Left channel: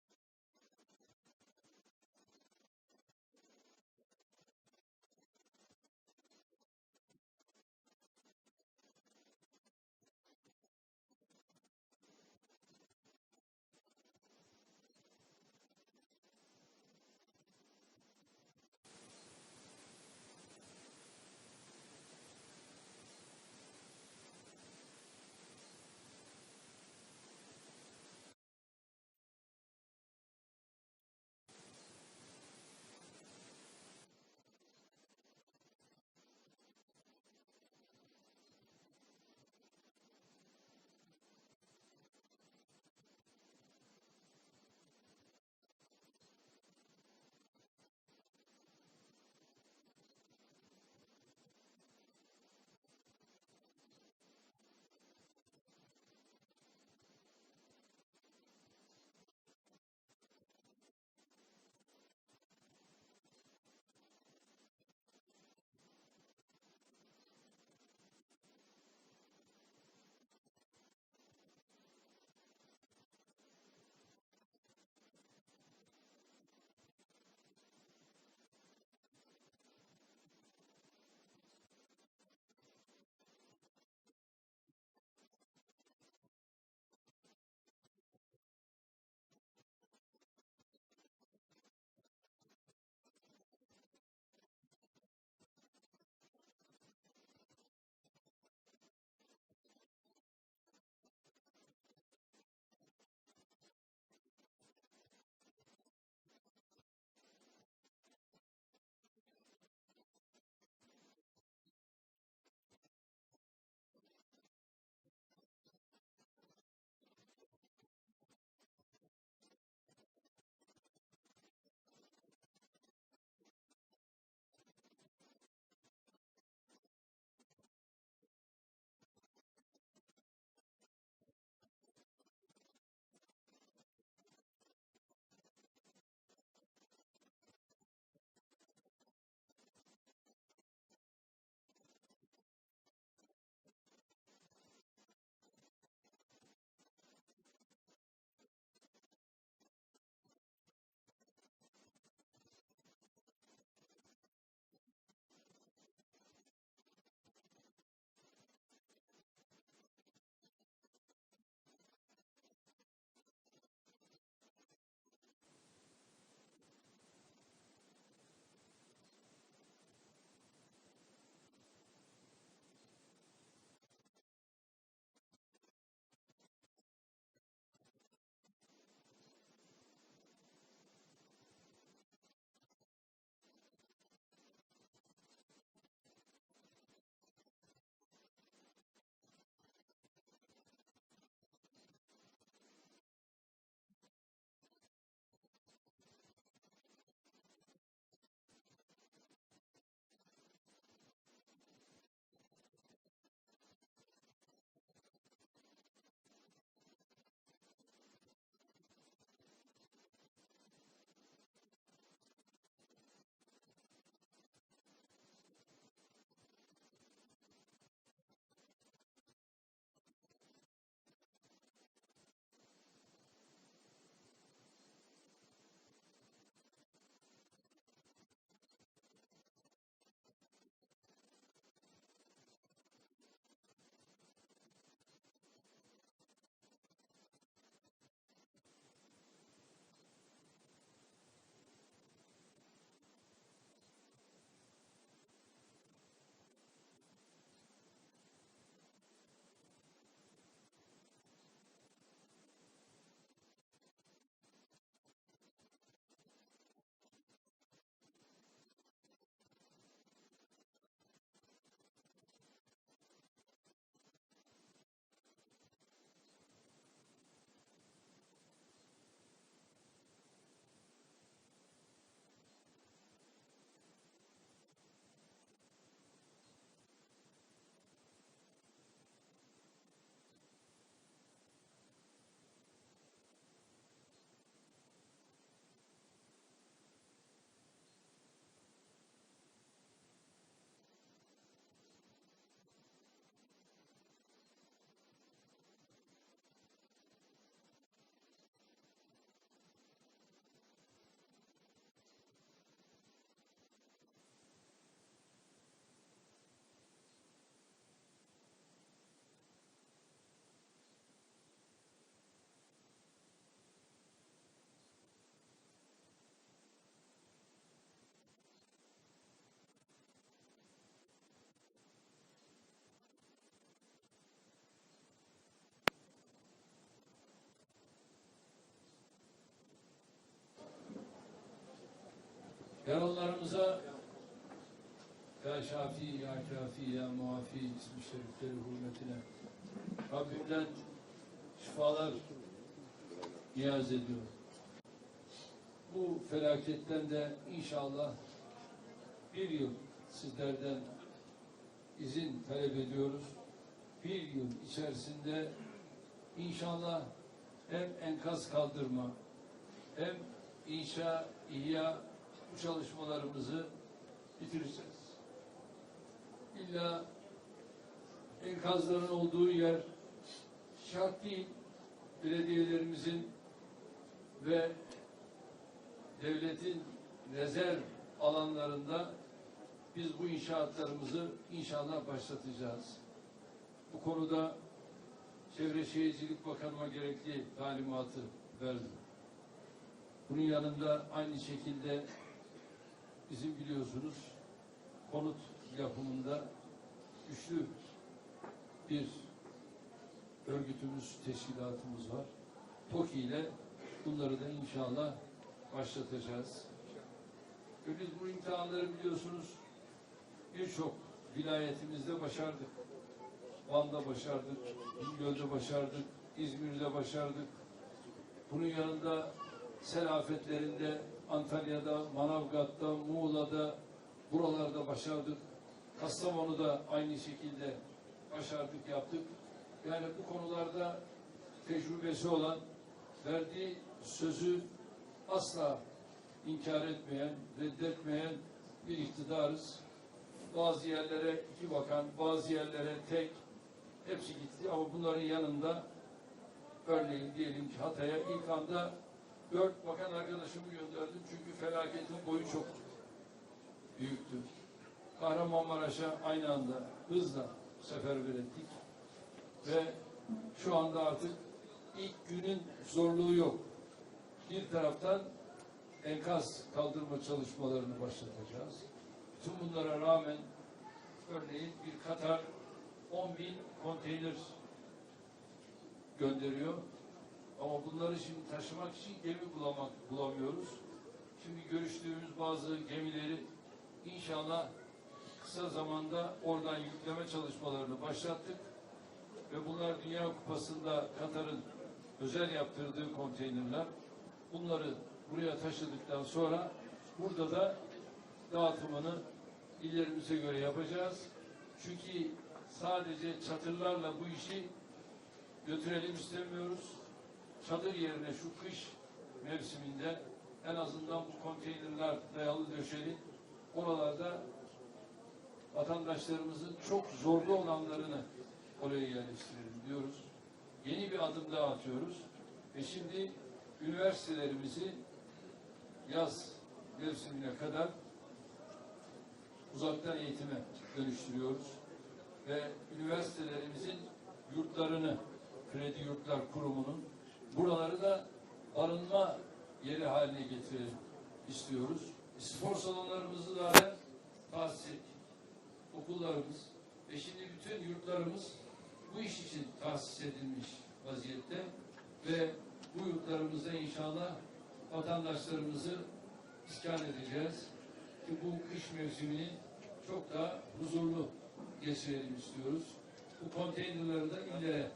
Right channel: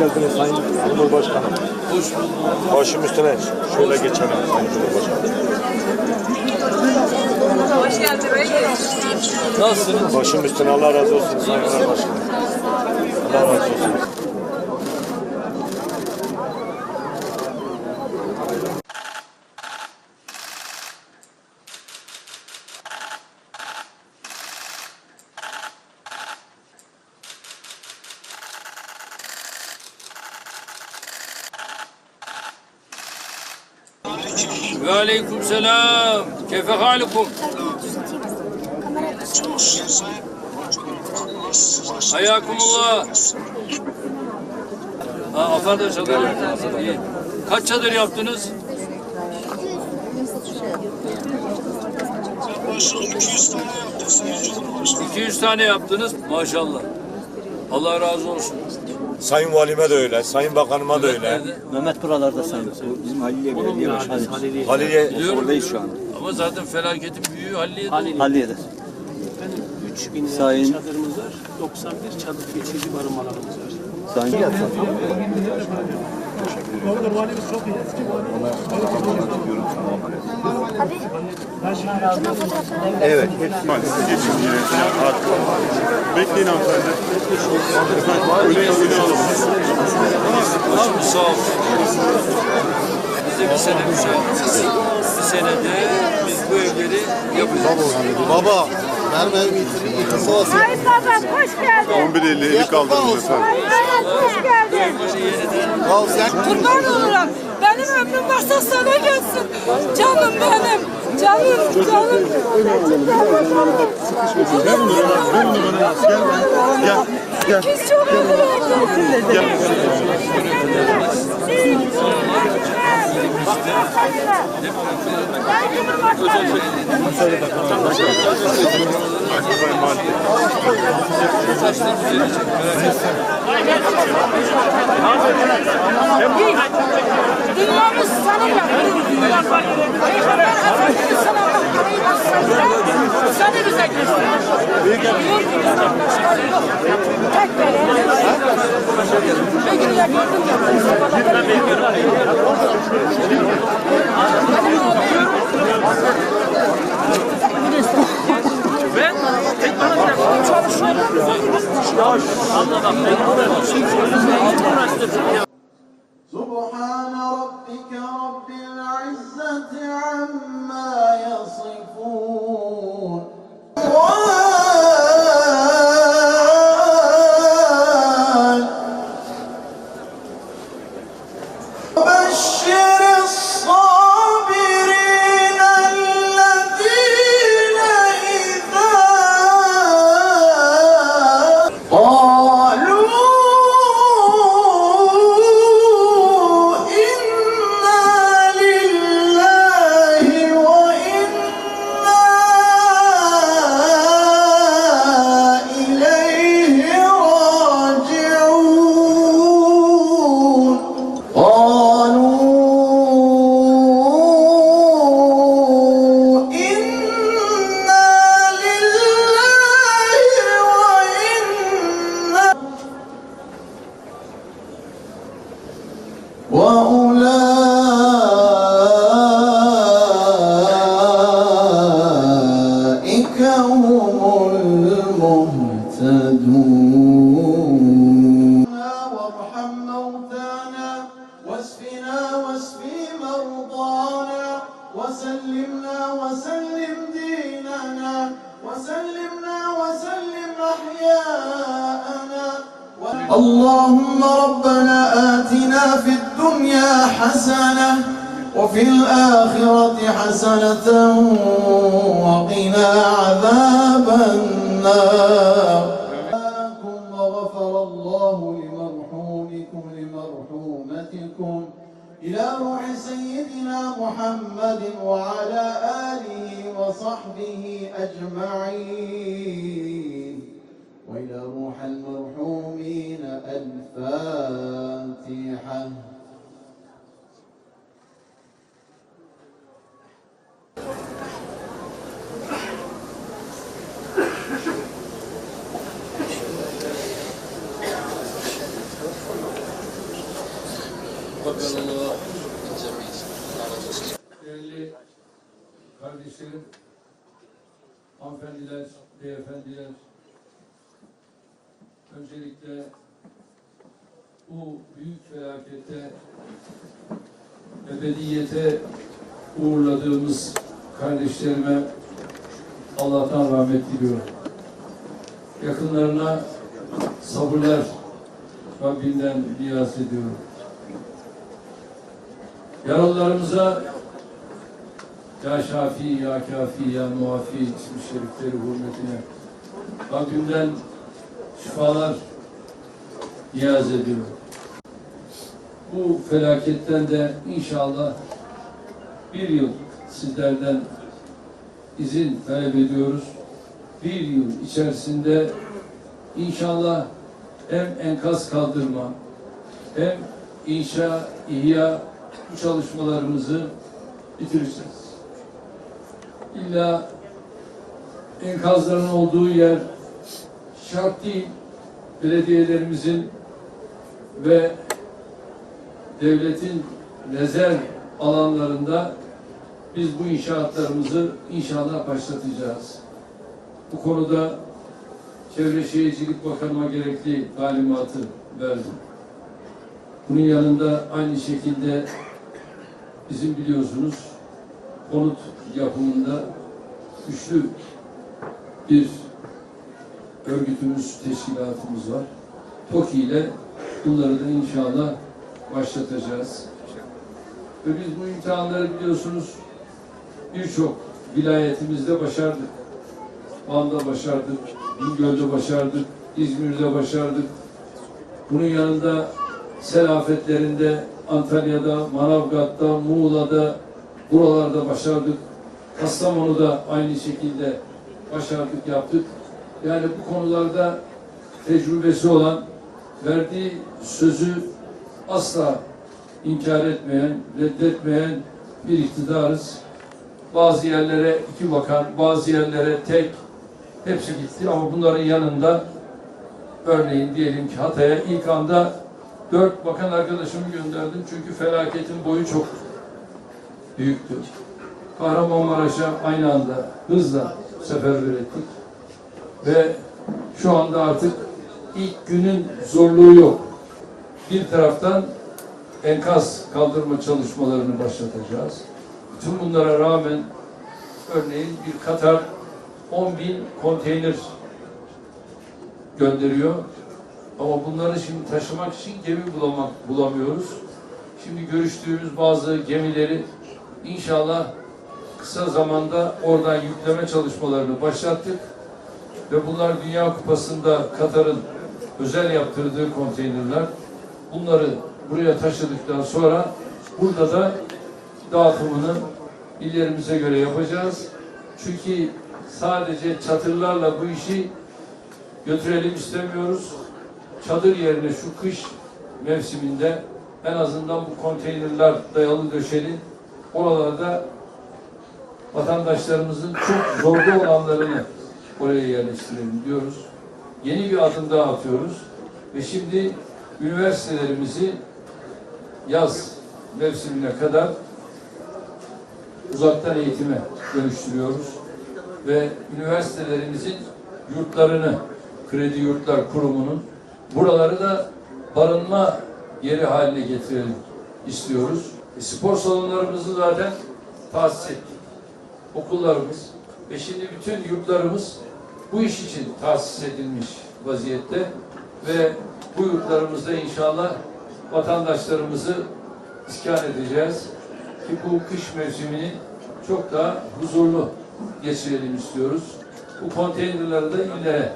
geldiniz Sayın Cumhurbaşkanım. Hoş bulduk. Başım üstüne şöyle geçelim Sayın Cumhurbaşkanım. Hoş geldin reis. Nasılsınız? Başım üstüne Allah razı olsun Sayın Cumhurbaşkanım. Allah razı olsun. Ve aleyküm selam. Kefe halikum. Hayakumullah. Ha, aferin çadır yaptınız. İyi. Kaç çadır yaptınız? 200 tane yaptınız. Maşallah. Allah razı olsun. Sayın Valime de öyle, Sayın Bakanıma da öyle. Nerede? Mehmet buralarda sayın. Bizim Haliliye Belediye Başkanı. Halil'e Oradayız şu an. Ama zaten felaketin büyüğü halliye. Halliye'de. 3000 Sayın- çadırımız var. 91 çadır geçici barınmalarımız var. Sayın Bekleyin hanımefendi. Öyle öyle alalım. Başımız sağ olsun. Bize bir sene müsaade. Bir senede biz bu evleri yapacağız. Baba, olsun. Babam hoş geldin. 11.50 50 kaldırdınız efendim. Ay hayat hoş geldin. Kurban olurum. Benim ömrüm varsa sana gelsin. Canım benim. Canım, canım. Gel. Gel. Biz çok üzüldük. Dünyamız sana yakın. Peygamber Efendimiz sana parayı baksana. Seni bize göster. Diyor ki bizden başka yok. Tek veren. Bir gün ya gördüm ya. هم المهتدون وارحم موتانا واشفنا واشفي مرضانا وسلمنا وسلم ديننا وسلمنا وسلم أحياءنا اللهم ربنا آتنا في الدنيا حسنة وفي الآخرة حسنة وقنا عذاب النار. وغفر الله لمرحومكم لمرحومتكم. إلى روح سيدنا محمد وعلى آله وصحبه أجمعين. وإلى روح المرحومين الفاتحة Değerli kardeşlerim, hanımefendiler, beyefendiler, öncelikle bu büyük felakette ebediyete uğurladığımız kardeşlerime Allah'tan rahmet diliyorum. Yakınlarına sabırlar Rabbimden niyaz ediyorum. Yaralılarımıza ya Şafi, Ya Kafi, Ya Muafi ismi şerifleri hürmetine Rabbimden şifalar niyaz ediyorum. Bu felaketten de inşallah bir yıl sizlerden izin talep ediyoruz. Bir yıl içerisinde inşallah hem enkaz kaldırma hem inşa, ihya bu çalışmalarımızı bitireceğiz. İlla enkazların olduğu yer şart değil. Belediyelerimizin ve devletin rezerv alanlarında biz bu inşaatlarımızı inşallah başlatacağız. Bu konuda Çevre Şehircilik Bakanıma gerekli talimatı verdim. Bunun yanında aynı şekilde bizim biliyorsunuz konut yapımında güçlü bir örgütümüz, teşkilatımız var. TOKİ ile bunları da inşallah başlatacağız. Ve biz bu imtihanları biliyorsunuz birçok vilayetimizde başardık. Van'da başardık, Bingöl'de başardık, İzmir'de başardık. Bunun yanında sel afetlerinde Antalya'da, Manavgat'ta, Muğla'da buralarda başardık. Kastamonu'da aynı şekilde başardık, yaptık. Yani bu konularda tecrübesi olan, verdiği sözü asla inkar etmeyen, reddetmeyen bir iktidarız. Bazı yerlere iki bakan, bazı yerlere tek, hepsi gitti ama bunların yanında örneğin diyelim ki Hatay'a ilk anda dört bakan arkadaşımı gönderdim çünkü felaketin boyu çok büyüktü. Kahramanmaraş'a aynı anda hızla seferber ettik. Ve şu anda artık ilk günün zorluğu yok. Bir taraftan enkaz kaldırma çalışmalarını başlatacağız. Bütün bunlara rağmen örneğin bir Katar 10 bin konteyner gönderiyor. Ama bunları şimdi taşımak için gemi bulamak, bulamıyoruz. Şimdi görüştüğümüz bazı gemileri inşallah kısa zamanda oradan yükleme çalışmalarını başlattık. Ve bunlar Dünya Kupası'nda Katar'ın özel yaptırdığı konteynerler. Bunları buraya taşıdıktan sonra burada da dağıtımını illerimize göre yapacağız. Çünkü sadece çadırlarla bu işi götürelim istemiyoruz. Çadır yerine şu kış mevsiminde en azından bu konteynerler dayalı döşeli oralarda vatandaşlarımızın çok zorda olanlarını oraya yerleştirelim diyoruz. Yeni bir adım daha atıyoruz. Ve şimdi üniversitelerimizi yaz mevsimine kadar uzaktan eğitime dönüştürüyoruz. Ve üniversitelerimizin yurtlarını, Kredi Yurtlar Kurumu'nun buraları da barınma yeri haline getirelim istiyoruz. E, spor salonlarımızı zaten tahsis ettik. Okullarımız ve şimdi bütün yurtlarımız bu iş için tahsis edilmiş vaziyette ve bu yurtlarımızda inşallah vatandaşlarımızı iskan edeceğiz ki bu kış mevsimini çok daha huzurlu geçirelim istiyoruz. Bu konteynerleri de illere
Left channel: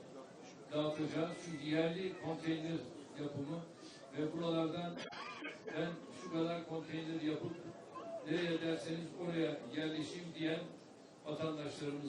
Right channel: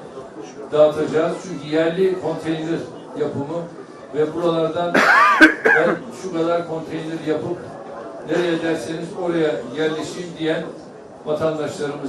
dağıtacağız. Çünkü yerli konteyner yapımı ve buralardan ben şu kadar konteyner yapıp nereye derseniz oraya yerleşeyim diyen vatandaşlarımız